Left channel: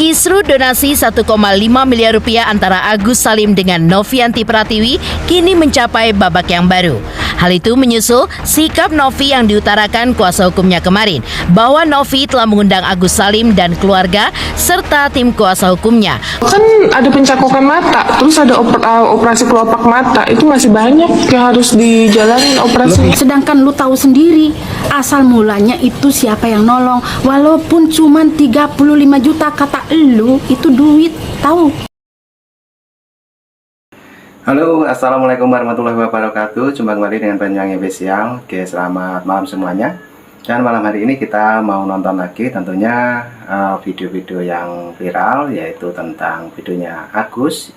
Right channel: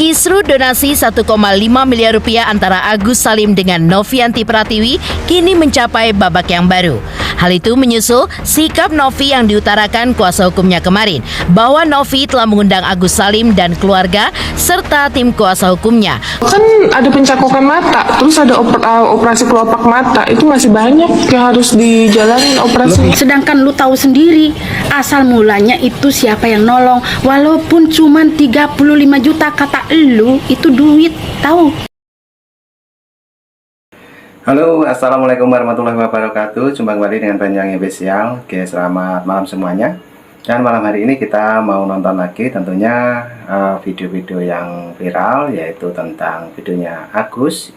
Kisru donasi 1,5 miliar rupiah antara Agus Salim dengan Novianti Pratiwi kini mencapai babak yang baru. Hal itu menyusul sikap Novi yang diutarakan kuasa hukumnya kemarin bahwa Novi telah mengundang Agus Salim dan keluarga serta tim kuasa hukumnya. Kan ada pencakokan mata, terus ada operasi kelopak mata, itu masih banyak yang harus dijalanin operasi. Sedangkan lu tahu sendiri, asal mulanya itu siapa yang nolong, walaupun cuma 35 juta kata lu, itu duit, tahu? Halo, assalamualaikum warahmatullahi wabarakatuh. Jumpa kembali dengan Banyuwangi Official. Oke, selamat malam semuanya. Dan malam hari ini kita mau nonton lagi tentunya video-video yang viral, yaitu tentang videonya Agus,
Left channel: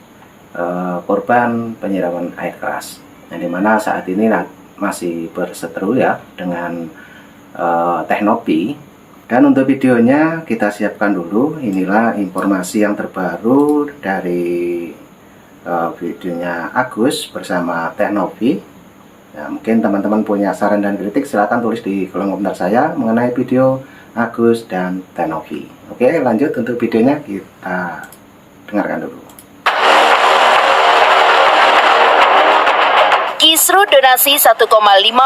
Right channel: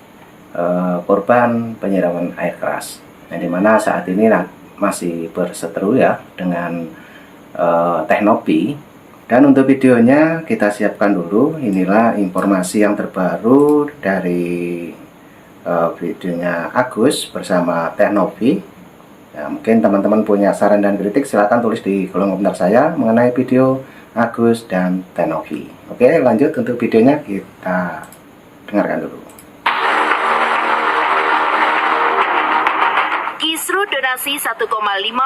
korban penyiraman air keras, yang dimana saat ini masih berseteru ya dengan Teknopi. Dan untuk videonya kita siapkan dulu. Inilah informasi yang terbaru dari videonya Agus bersama Teknopi. Ya, mungkin teman-teman punya saran dan kritik, silahkan tulis di kolom komentar saya mengenai video Agus dan Teknopi. Oke, lanjut untuk videonya kita dengarkan dulu. Kisru donasi 1,5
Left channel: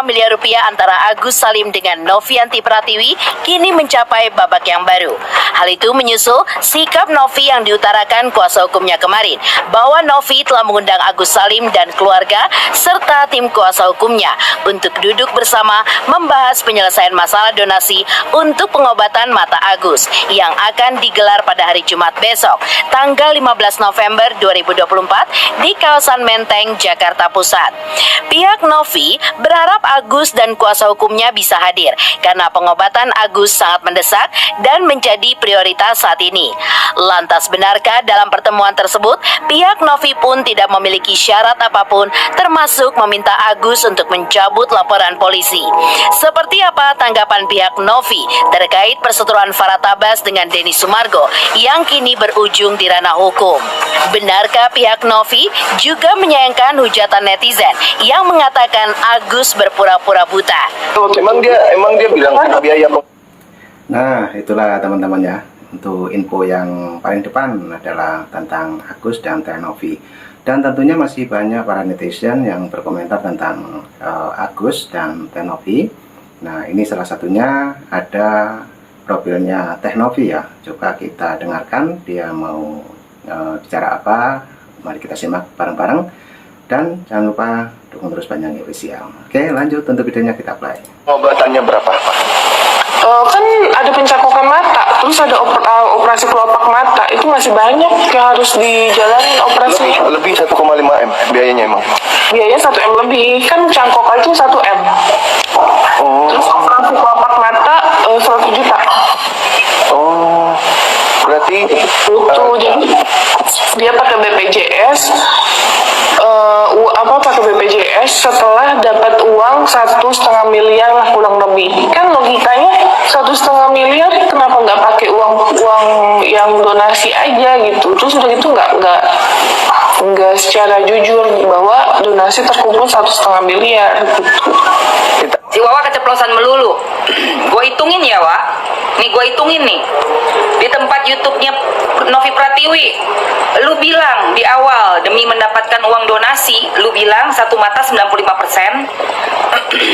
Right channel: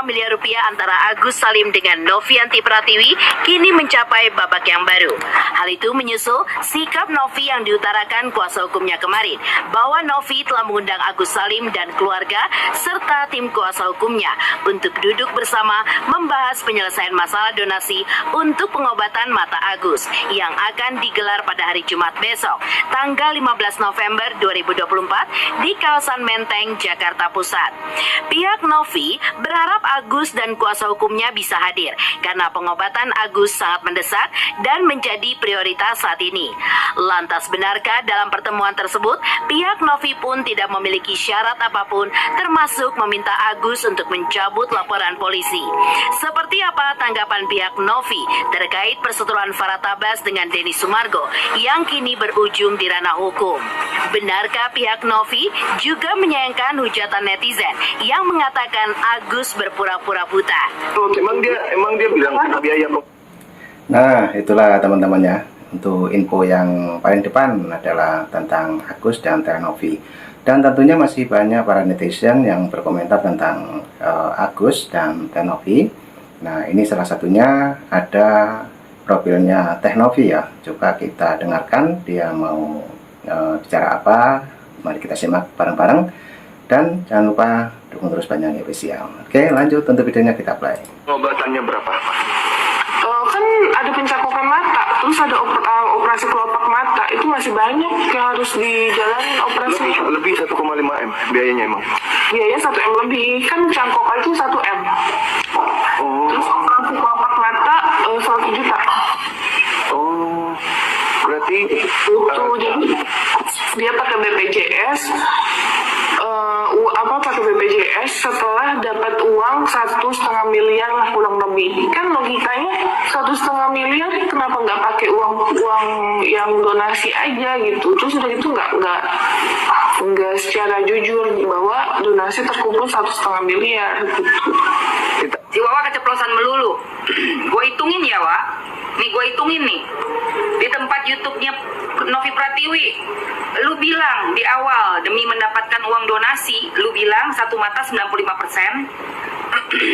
miliar rupiah antara Agus Salim dengan Novianti Pratiwi kini mencapai babak yang baru. Hal itu menyusul sikap Novi yang diutarakan kuasa hukumnya kemarin bahwa Novi telah mengundang Agus Salim dan keluarga serta tim kuasa hukumnya untuk duduk bersama membahas penyelesaian masalah donasi untuk pengobatan mata Agus yang akan digelar pada hari Jumat besok, tanggal 15 November 2024 di kawasan Menteng, Jakarta Pusat. Pihak Novi berharap Agus dan kuasa hukumnya bisa hadir karena pengobatan Agus sangat mendesak dan menjadi prioritas saat ini. Lantas benarkah dalam pertemuan tersebut pihak Novi pun tidak memiliki syarat apapun termasuk meminta Agus untuk mencabut laporan polisi? Seperti apa tanggapan pihak Novi terkait perseteruan Farah Tabas dengan Denny Sumargo yang kini berujung di ranah hukum? Benarkah pihak Novi juga menyayangkan hujatan netizen yang mengatakan Agus berpura-pura buta? Emang dia bilang kena biaya. Nah, itulah teman-teman ya. Untuk info yang paling depan adalah tentang Agus dan Teknopi. Dan tentunya masih banyak para netizen yang berkomentar tentang Agus dan Teknopi. Nah, ini salah satunya ada profilnya Teknopi ya. Coba kita dengarkan dia mau bicara apa. Mari kita simak bareng-bareng. Dan jangan lupa dukung terus Banyuwangi Official. Oke, lanjut untuk videonya kita play. Pengobatannya berapa? Kan ada pencakokan mata, terus ada operasi kelopak mata, itu masih banyak yang harus dijalanin operasi. Lebih 1,5 M biayanya emang? Biayanya 1 M lebih, kan cangkok aja 1 M. Oh. Terus operasi kelopak mata 100 juta. Oh, berarti Jadi dia pakai BPJS. Pakai BPJS setelah dapat uang 1,5 miliar lah kurang lebih. Kan logikanya 1,5 miliar kenapa nggak pakai uang yang donasi aja gitu? Terus udah gitu nggak secara jujur bahwa donasi terkumpul 1,5 miliar gitu. Si Wawa keceplosan melulu. Gue hitungin ya, Wak. Nih gue hitungin nih. Di tempat YouTube-nya Novi Pratiwi, lu bilang di awal demi mendapatkan uang donasi, lu bilang satu mata 95%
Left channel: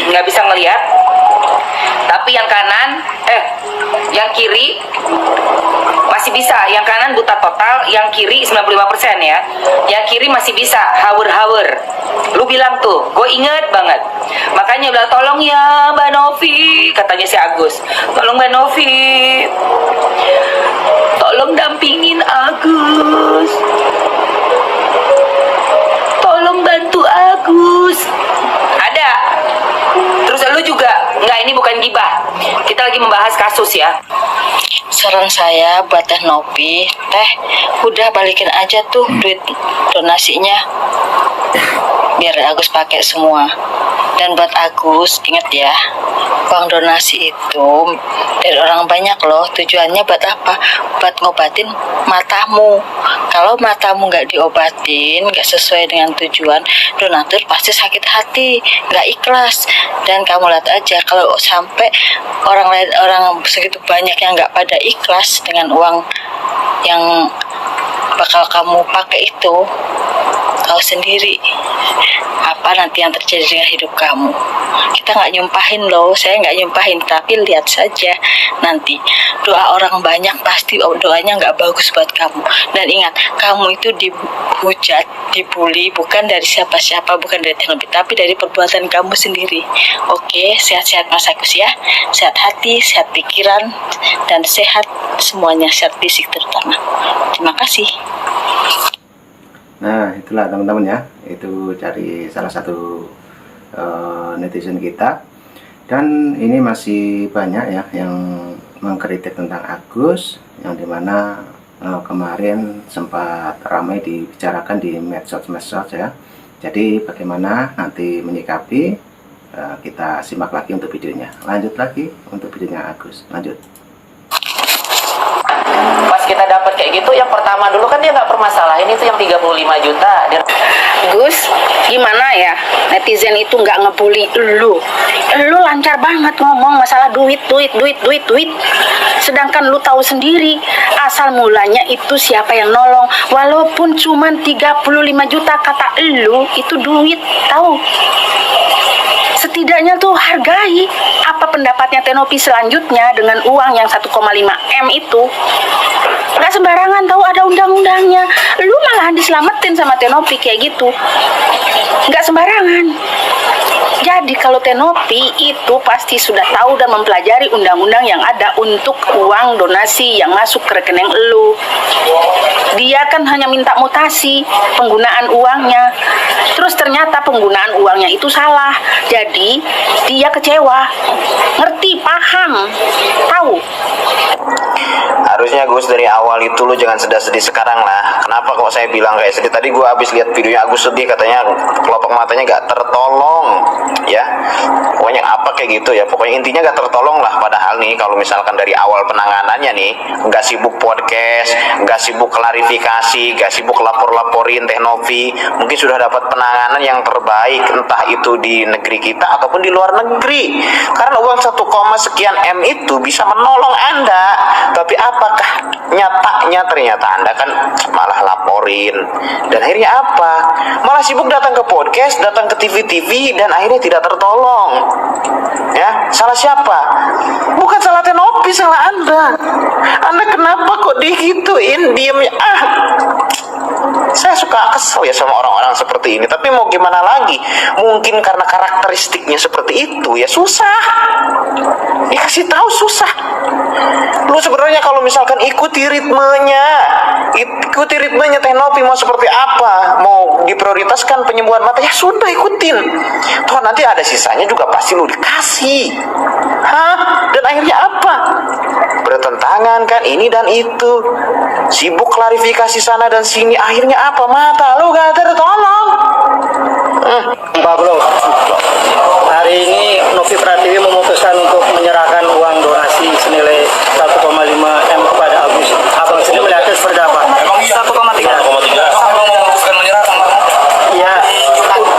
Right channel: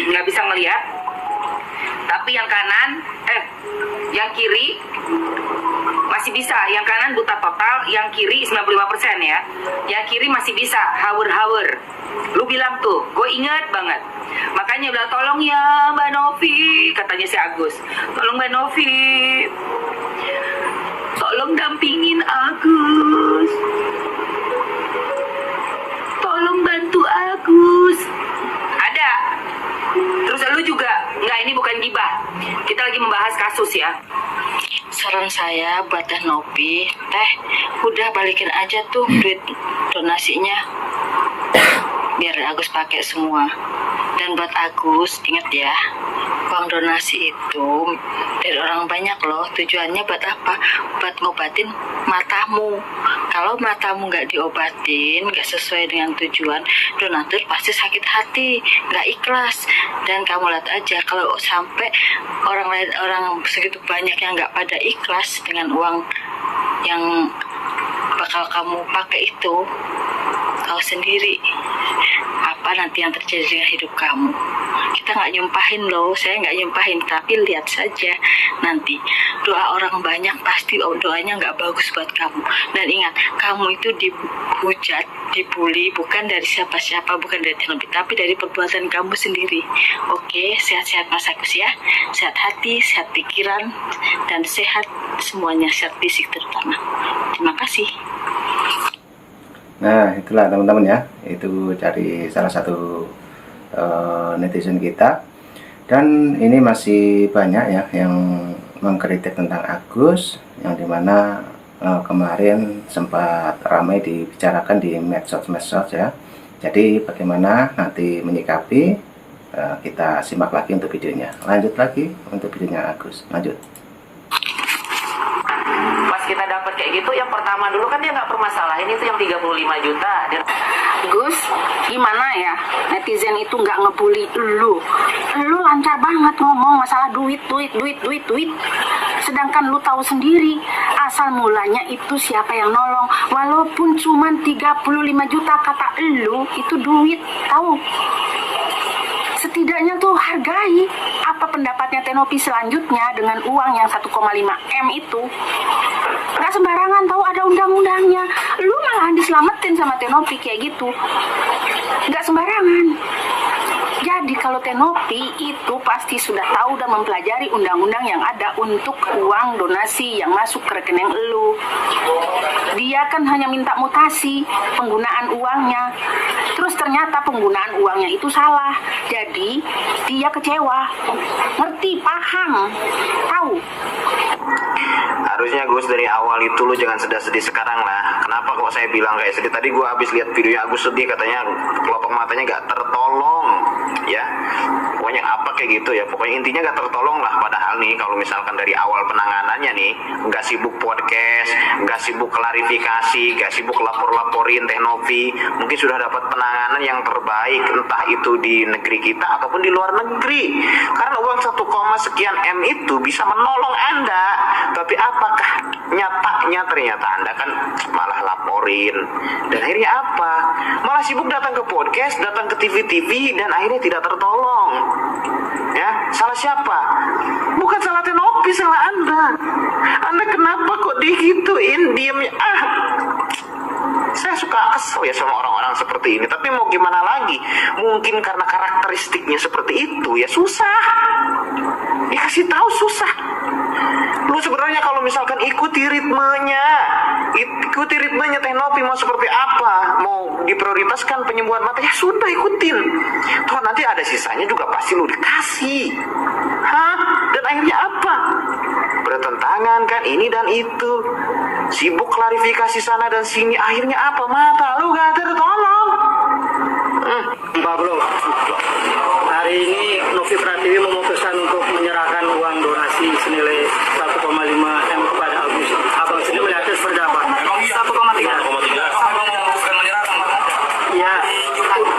nggak bisa ngelihat. Tapi yang kanan, yang kiri masih bisa. Yang kanan buta total, yang kiri 95% ya. Yang kiri masih bisa, hawer-hawer. Lu bilang tuh, gue inget banget. Makanya bilang, tolong ya Mbak Novi, katanya si Agus. Tolong Mbak Novi, tolong dampingin Agus. Tolong bantu Agus. Ada. Terus lu juga, enggak, ini bukan gibah. Kita lagi membahas kasus ya. Saran saya buat Teknopi, udah balikin aja tuh duit donasinya, biar Agus pakai semua. Dan buat Agus, ingat ya, uang donasi itu dari orang banyak loh. Tujuannya buat apa? Buat ngobatin matamu. Kalau matamu nggak diobatin, nggak sesuai dengan tujuan, donatur pasti sakit hati, nggak ikhlas. Dan kamu lihat aja, kalau sampai orang segitu banyak yang nggak pada ikhlas dengan uang yang bakal kamu pakai itu kau sendiri. Apa nanti yang terjadi dengan hidup kamu? Kita nggak nyumpahin loh, saya nggak nyumpahin, tapi lihat saja nanti doa orang banyak pasti doanya nggak bagus buat kamu. Dan ingat, kamu itu dihujat, dibully bukan dari siapa-siapa, bukan dari teknologi, tapi dari perbuatan kamu sendiri. Oke, sehat-sehat Mas Agus ya, sehat hati, sehat pikiran, dan sehat semuanya, sehat fisik terutama. Terima kasih. Nah, itulah teman-teman ya, itu dari salah satu netizen kita. Dan ini masih banyak ya yang mengkritik tentang Agus, yang dimana kemarin sempat ramai dibicarakan di medsos ya. Jadi bagaimana nanti menyikapi, kita simak lagi untuk videonya. Lanjut lagi untuk videonya Agus, lanjut. Pas kita dapat kayak gitu, yang pertama dulu kan dia nggak permasalahin itu yang 35 juta. Gus, gimana ya? Netizen itu nggak ngebully lu. Lu lancar banget ngomong masalah duit. Sedangkan lu tahu sendiri, asal mulanya itu siapa yang nolong. Walaupun cuma 35 juta kata lu, itu duit, tahu? Setidaknya tuh hargai apa pendapatnya Tenopi selanjutnya dengan uang yang 1,5 M itu. Gak sembarangan, tahu ada undang-undangnya. Lu malahan diselamatin sama Tenopi kayak gitu. Gak sembarangan. Jadi kalau Tenopi itu pasti sudah tahu dan mempelajari undang-undang yang ada untuk uang donasi yang masuk ke rekening lu. Dia kan hanya minta mutasi penggunaan uangnya. Terus ternyata penggunaan uangnya itu salah. Jadi dia kecewa. Ngerti, paham, tahu. Harusnya Gus dari awal itu lu jangan sedih-sedih sekarang lah. Kenapa kok saya bilang kayak sedih? Tadi gue habis lihat videonya Agus sedih, katanya kelopak matanya gak tertolong ya. Pokoknya apa kayak gitu ya. Pokoknya intinya gak tertolong lah. Padahal nih kalau misalkan dari awal penanganannya nih gak sibuk podcast, gak sibuk klarifikasi, gak sibuk lapor-laporin Teknovi, mungkin sudah dapat penanganan yang terbaik, entah itu di negeri kita ataupun di luar negeri. Karena uang 1, sekian M itu bisa menolong Anda. Tapi apakah nyatanya ternyata Anda kan malah laporin, dan akhirnya apa? Malah sibuk datang ke podcast, datang ke TV-TV, dan akhirnya tidak tertolong. Ya, salah siapa? Bukan salah Tenopi, salah Anda. Anda kenapa kok digituin, diemnya? Saya suka kesel ya sama orang-orang seperti ini. Tapi mau gimana lagi? Mungkin karena karakteristiknya seperti itu ya susah. Dikasih tahu susah. Lu sebenarnya kalau misalkan ikuti ritmenya Teknopi mau seperti apa, mau diprioritaskan penyembuhan mata, ya sudah ikutin. Toh nanti ada sisanya juga pasti lu dikasih. Dan akhirnya apa? Bertentangan kan ini dan itu. Sibuk klarifikasi sana dan sini, akhirnya apa? Mata lu gak tertolong. Pak Bro, hari ini Novi Pratiwi memutuskan untuk menyerahkan uang donasi senilai 1,5 M kepada Agus. Abang sendiri melihatnya seperti apa? Emang 1,3? Sampai memutuskan menyerahkan? Iya.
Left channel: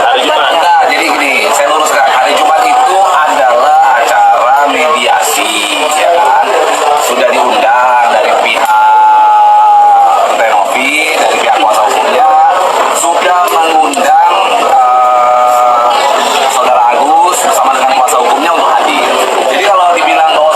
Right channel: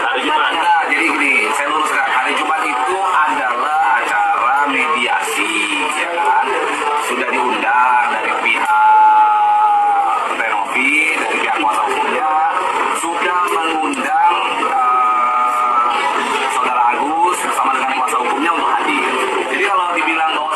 Hari Jumat. Nah, jadi gini, saya luruskan. Hari Jumat itu adalah acara mediasi, ya kan? Sudah diundang dari pihak Tenovi, dari pihak kuasa hukumnya, sudah mengundang saudara Agus bersama dengan kuasa hukumnya untuk hadir. Jadi kalau dibilang bahwa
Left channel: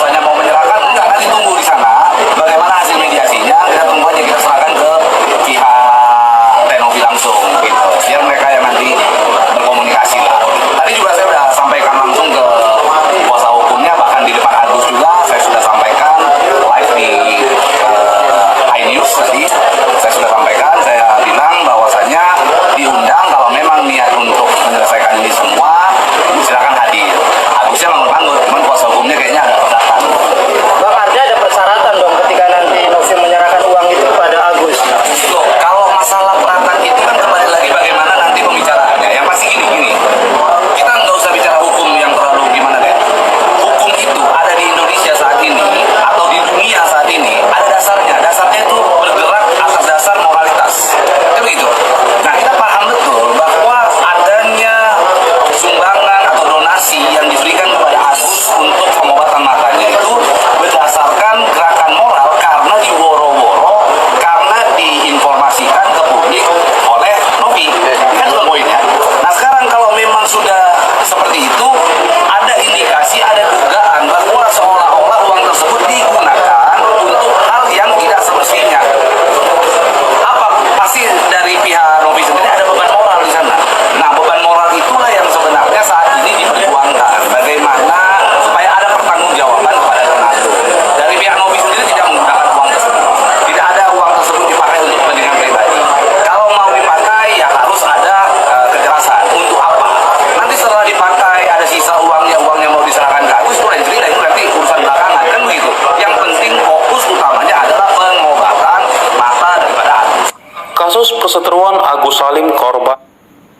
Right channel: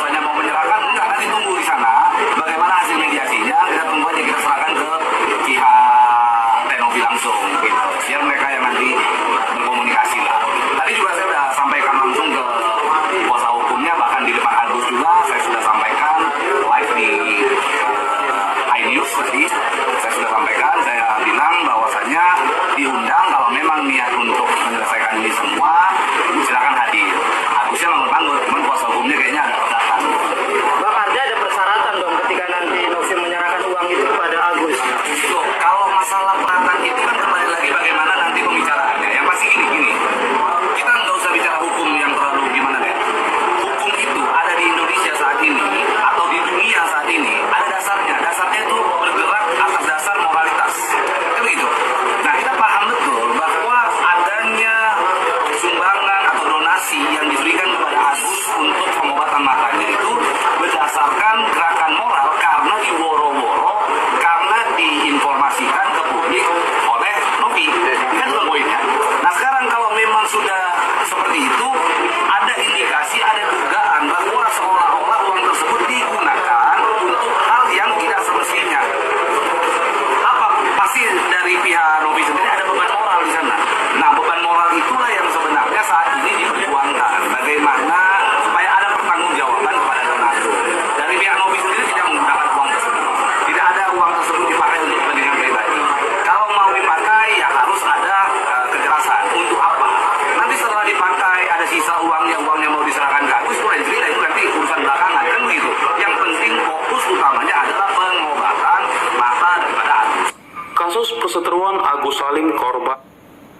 perseteruan Agus Salim korban.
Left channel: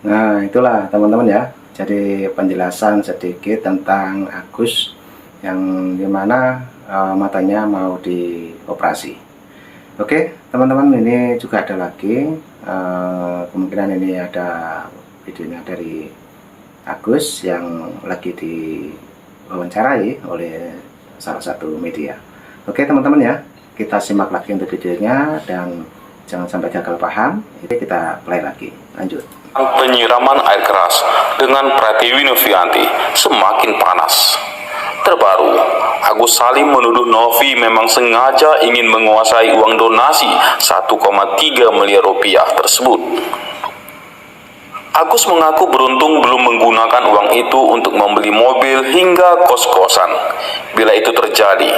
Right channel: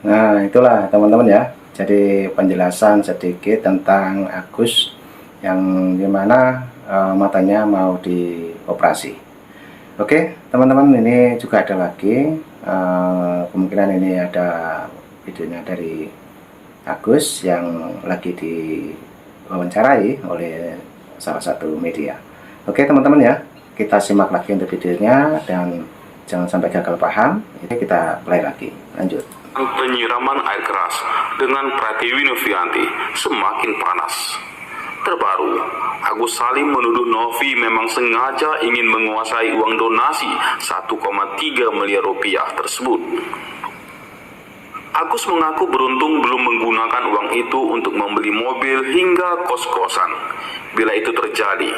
Nah, itulah teman-teman ya. Jadi penjelasan sedikit tentang Agus yang dimana matanya mau dioperasi. Oke, teman-teman, ini juga ada lagi. Kemungkinan ini ada videonya dari Agus yang lagi diwawancarai oleh salah satu media. Oke teman-teman ya, kita simak lagi untuk videonya dan jangan sampai gagal paham. Ini kita play lagi, lanjut. Penyiraman air keras dengan Pratiwi Novianti semakin panas. Terbaru, Agus Salim menuduh Novi memang sengaja ingin menguasai uang donasi 1,3 miliar rupiah tersebut. Agus mengaku beruntung belum menggunakan uang itu untuk membeli mobil hingga kos-kosan. Bila itu terjadi,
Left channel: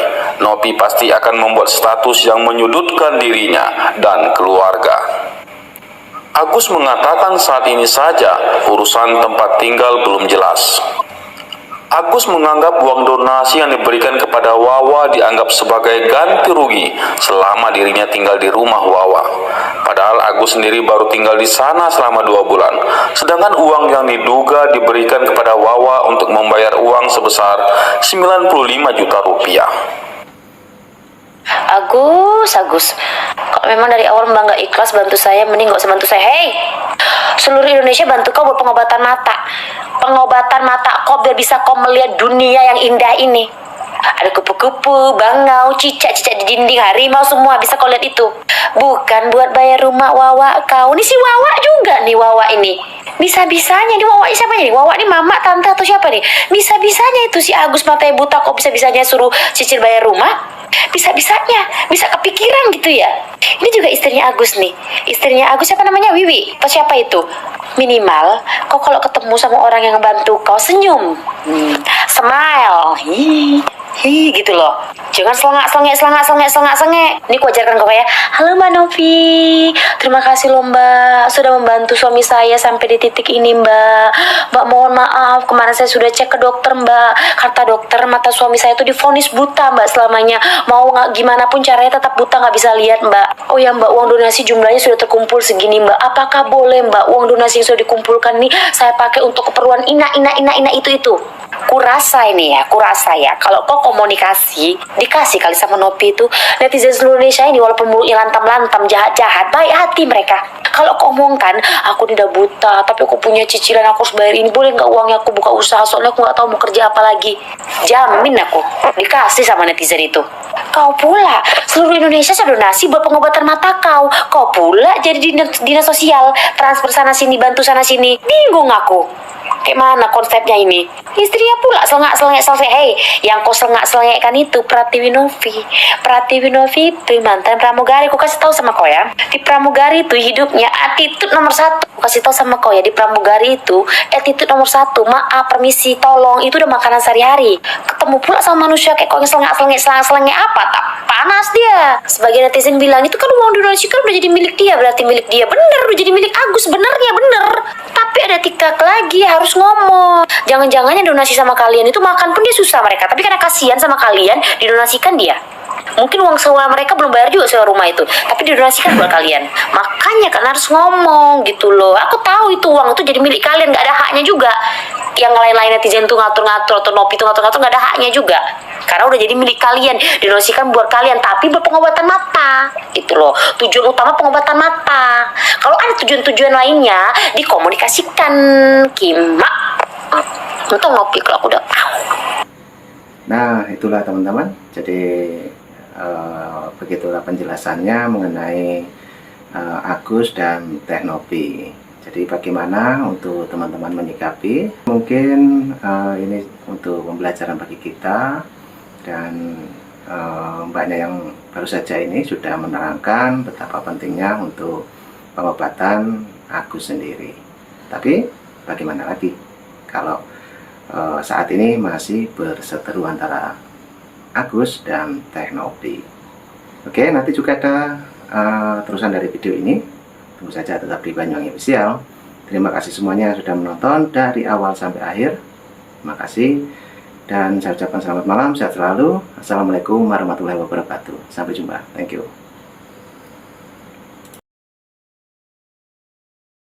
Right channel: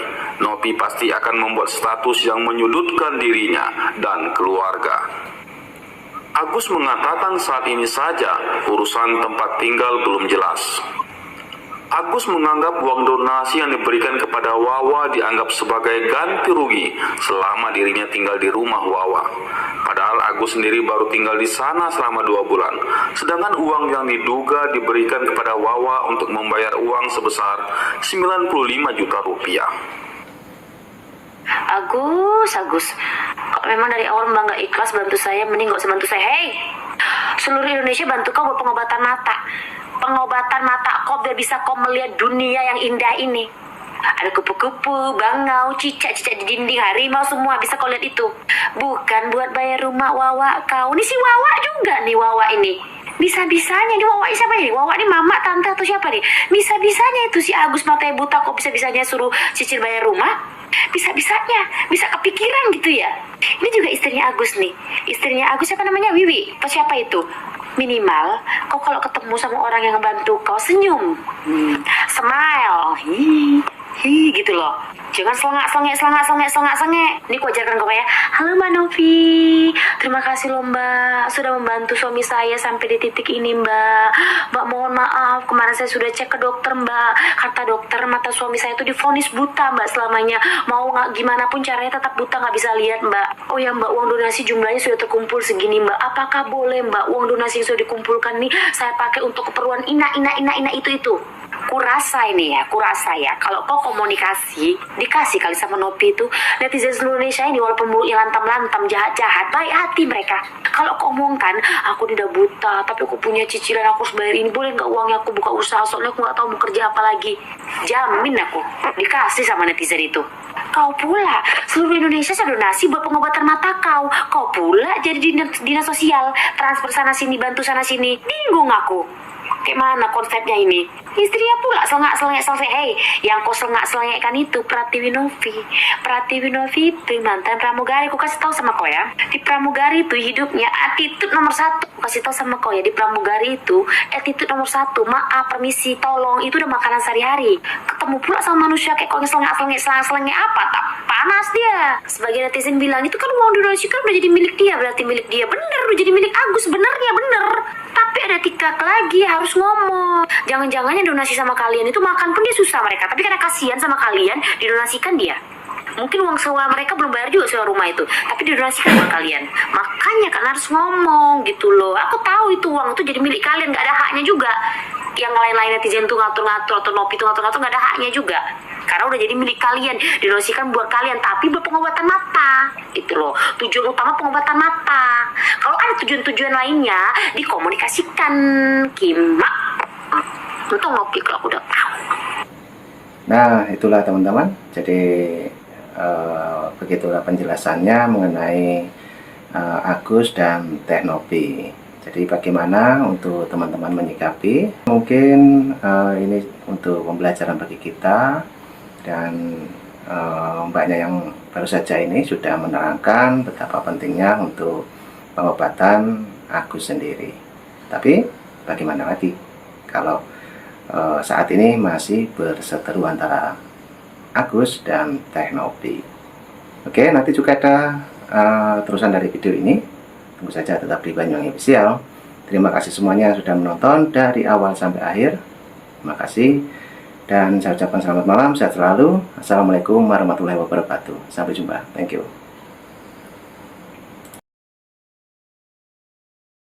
Novi pasti akan membuat status yang menyudutkan dirinya dan keluarga. Agus mengatakan saat ini saja urusan tempat tinggal belum jelas. Agus menganggap uang donasi yang diberikan kepada Wawa dianggap sebagai ganti rugi selama dirinya tinggal di rumah Wawa. Padahal Agus sendiri baru tinggal di sana selama 2 bulan. Sedangkan uang yang diduga diberikan kepada Wawa untuk membayar uang sebesar 95 juta rupiah. Agus, kalau memang dari awal Mbak nggak ikhlas bantu saya, mending nggak usah bantu saya. Hei, seluruh Indonesia bantu kau buat pengobatan mata kau biar bisa kau melihat dunia yang indah ini. Ada kupu-kupu, bangau, cicak-cicak di dinding, harimau, semua bisa kau lihat itu. Bukan buat bayar rumah Wawa kau. Ini si Wawa juga nih, Wawa ini. Bisa-bisanya nih, Wawa ini siapa nih? Wawa ini mama, tante atau siapa nih? Bisa-bisanya itu si Agus matanya buta kok bisa-bisanya suruh cicil bayar rumah? Bisa-bisanya, bisa kepikiran gitu ya. Ini juga istrinya Agus nih. Istrinya Agus siapa namanya? Wiwi atau siapa itu? Minimal kau kalau ketemu sama orang yang bantu kau senyum, smile, hi gitu loh. Jangan selengak. Ini ku ajarkan kau ya. Halo Mbak Novi, terima kasih loh Mbak sudah membantu suami saya sampai di titik ini Mbak. Mbak mohon maaf, kemarin saya sudah cek ke dokter Mbak. Kata dokter mata suami saya itu divonis buta Mbak selamanya. Mau nggak gimana pun caranya tetap buta, nggak bisa lihat Mbak. Oh ya Mbak, uang donasi jumlahnya sudah terkumpul segini Mbak. Apakah boleh Mbak uang donasi yang sudah dikumpulkan nih saya pakai untuk keperluan ina itu. Kurasa ya kalau kau komunikasi dikasih kali sama Novi itu, netizen seluruh Indonesia ini walaupun mulutnya lantam-lantam jahat-jahat, baik hati mereka. Kalau kau omongkan aku tidak buta tapi aku punya cicilan, aku harus bayar ini, boleh nggak uangnya aku buka usaha soalnya aku nggak tahu mau kerja apa lagi, jamin aku dikasih sama netizen itu. Kau pula seluruh Indonesia sudah donasi buat pengobatan mata kau pula jadi dinas sosial, transfer sana sini, bantu sana sini, bingung aku. Kayak mana konsepnya ini? Istrinya pula selengak. Hei, yang kau selengak-selengakkan itu Pratiwi Novi itu mantan pramugari. Aku kasih tahu sama kau ya, di pramugari itu hidupnya attitude nomor 1. Aku kasih tahu sama kau ya, di pramugari itu attitude nomor 1. Maaf, permisi, tolong, itu udah makanan sehari-hari. Ketemu pula sama manusia kayak kau yang selengak apa? Tak panas dia. Sebagian netizen bilang itu kan uang donasi kan udah jadi milik dia, berarti milik dia. Bener, udah jadi milik Agus, bener. Tapi ada tikak lagi, harus ngomong. Jangan-jangan yang donasi sama kalian itu makan pun dia susah mereka, tapi karena kasihan sama kalian didonasikan dia. Mungkin uang sewa mereka belum bayar juga sewa rumah itu, tapi didonasikan buat kalian. Makanya kan harus ngomong gitu loh. Aku tahu itu uang itu jadi milik kalian, nggak ada haknya juga. Yang lain-lain netizen tuh ngatur-ngatur atau Novi tuh ngatur-ngatur, nggak ada haknya juga. Karena udah jadi milik kalian, didonasikan buat kalian, tapi buat pengobatan mata gitu loh. Tujuan utama pengobatan mata. Kalau ada tujuan-tujuan lainnya dikomunikasikan, Kimak. Untung Novi kalau aku udah tahu. Nah, itulah teman-teman. Jadi begitulah penjelasannya mengenai Agus dan Teh Novi. Jadi bagaimana untuk teman-teman menyikapi? Mungkin ini untuk pembelajaran bagi kita, dan mbaknya yang baru saja ini sudah menerangkan betapa pentingnya untuk pengobatan Agus sendiri. Tapi bagaimana lagi kalau saat ini masih berseteru antara Agus dan Teh Novi? Oke, nanti juga ada terusan dari video ini. Tunggu saja tetap di Banyuwangi Official. Terima kasih semuanya sudah menonton dari awal sampai akhir. Terima kasih. Dan saya ucapkan selamat malam, sehat selalu. Assalamualaikum warahmatullahi wabarakatuh. Sampai jumpa. Thank you.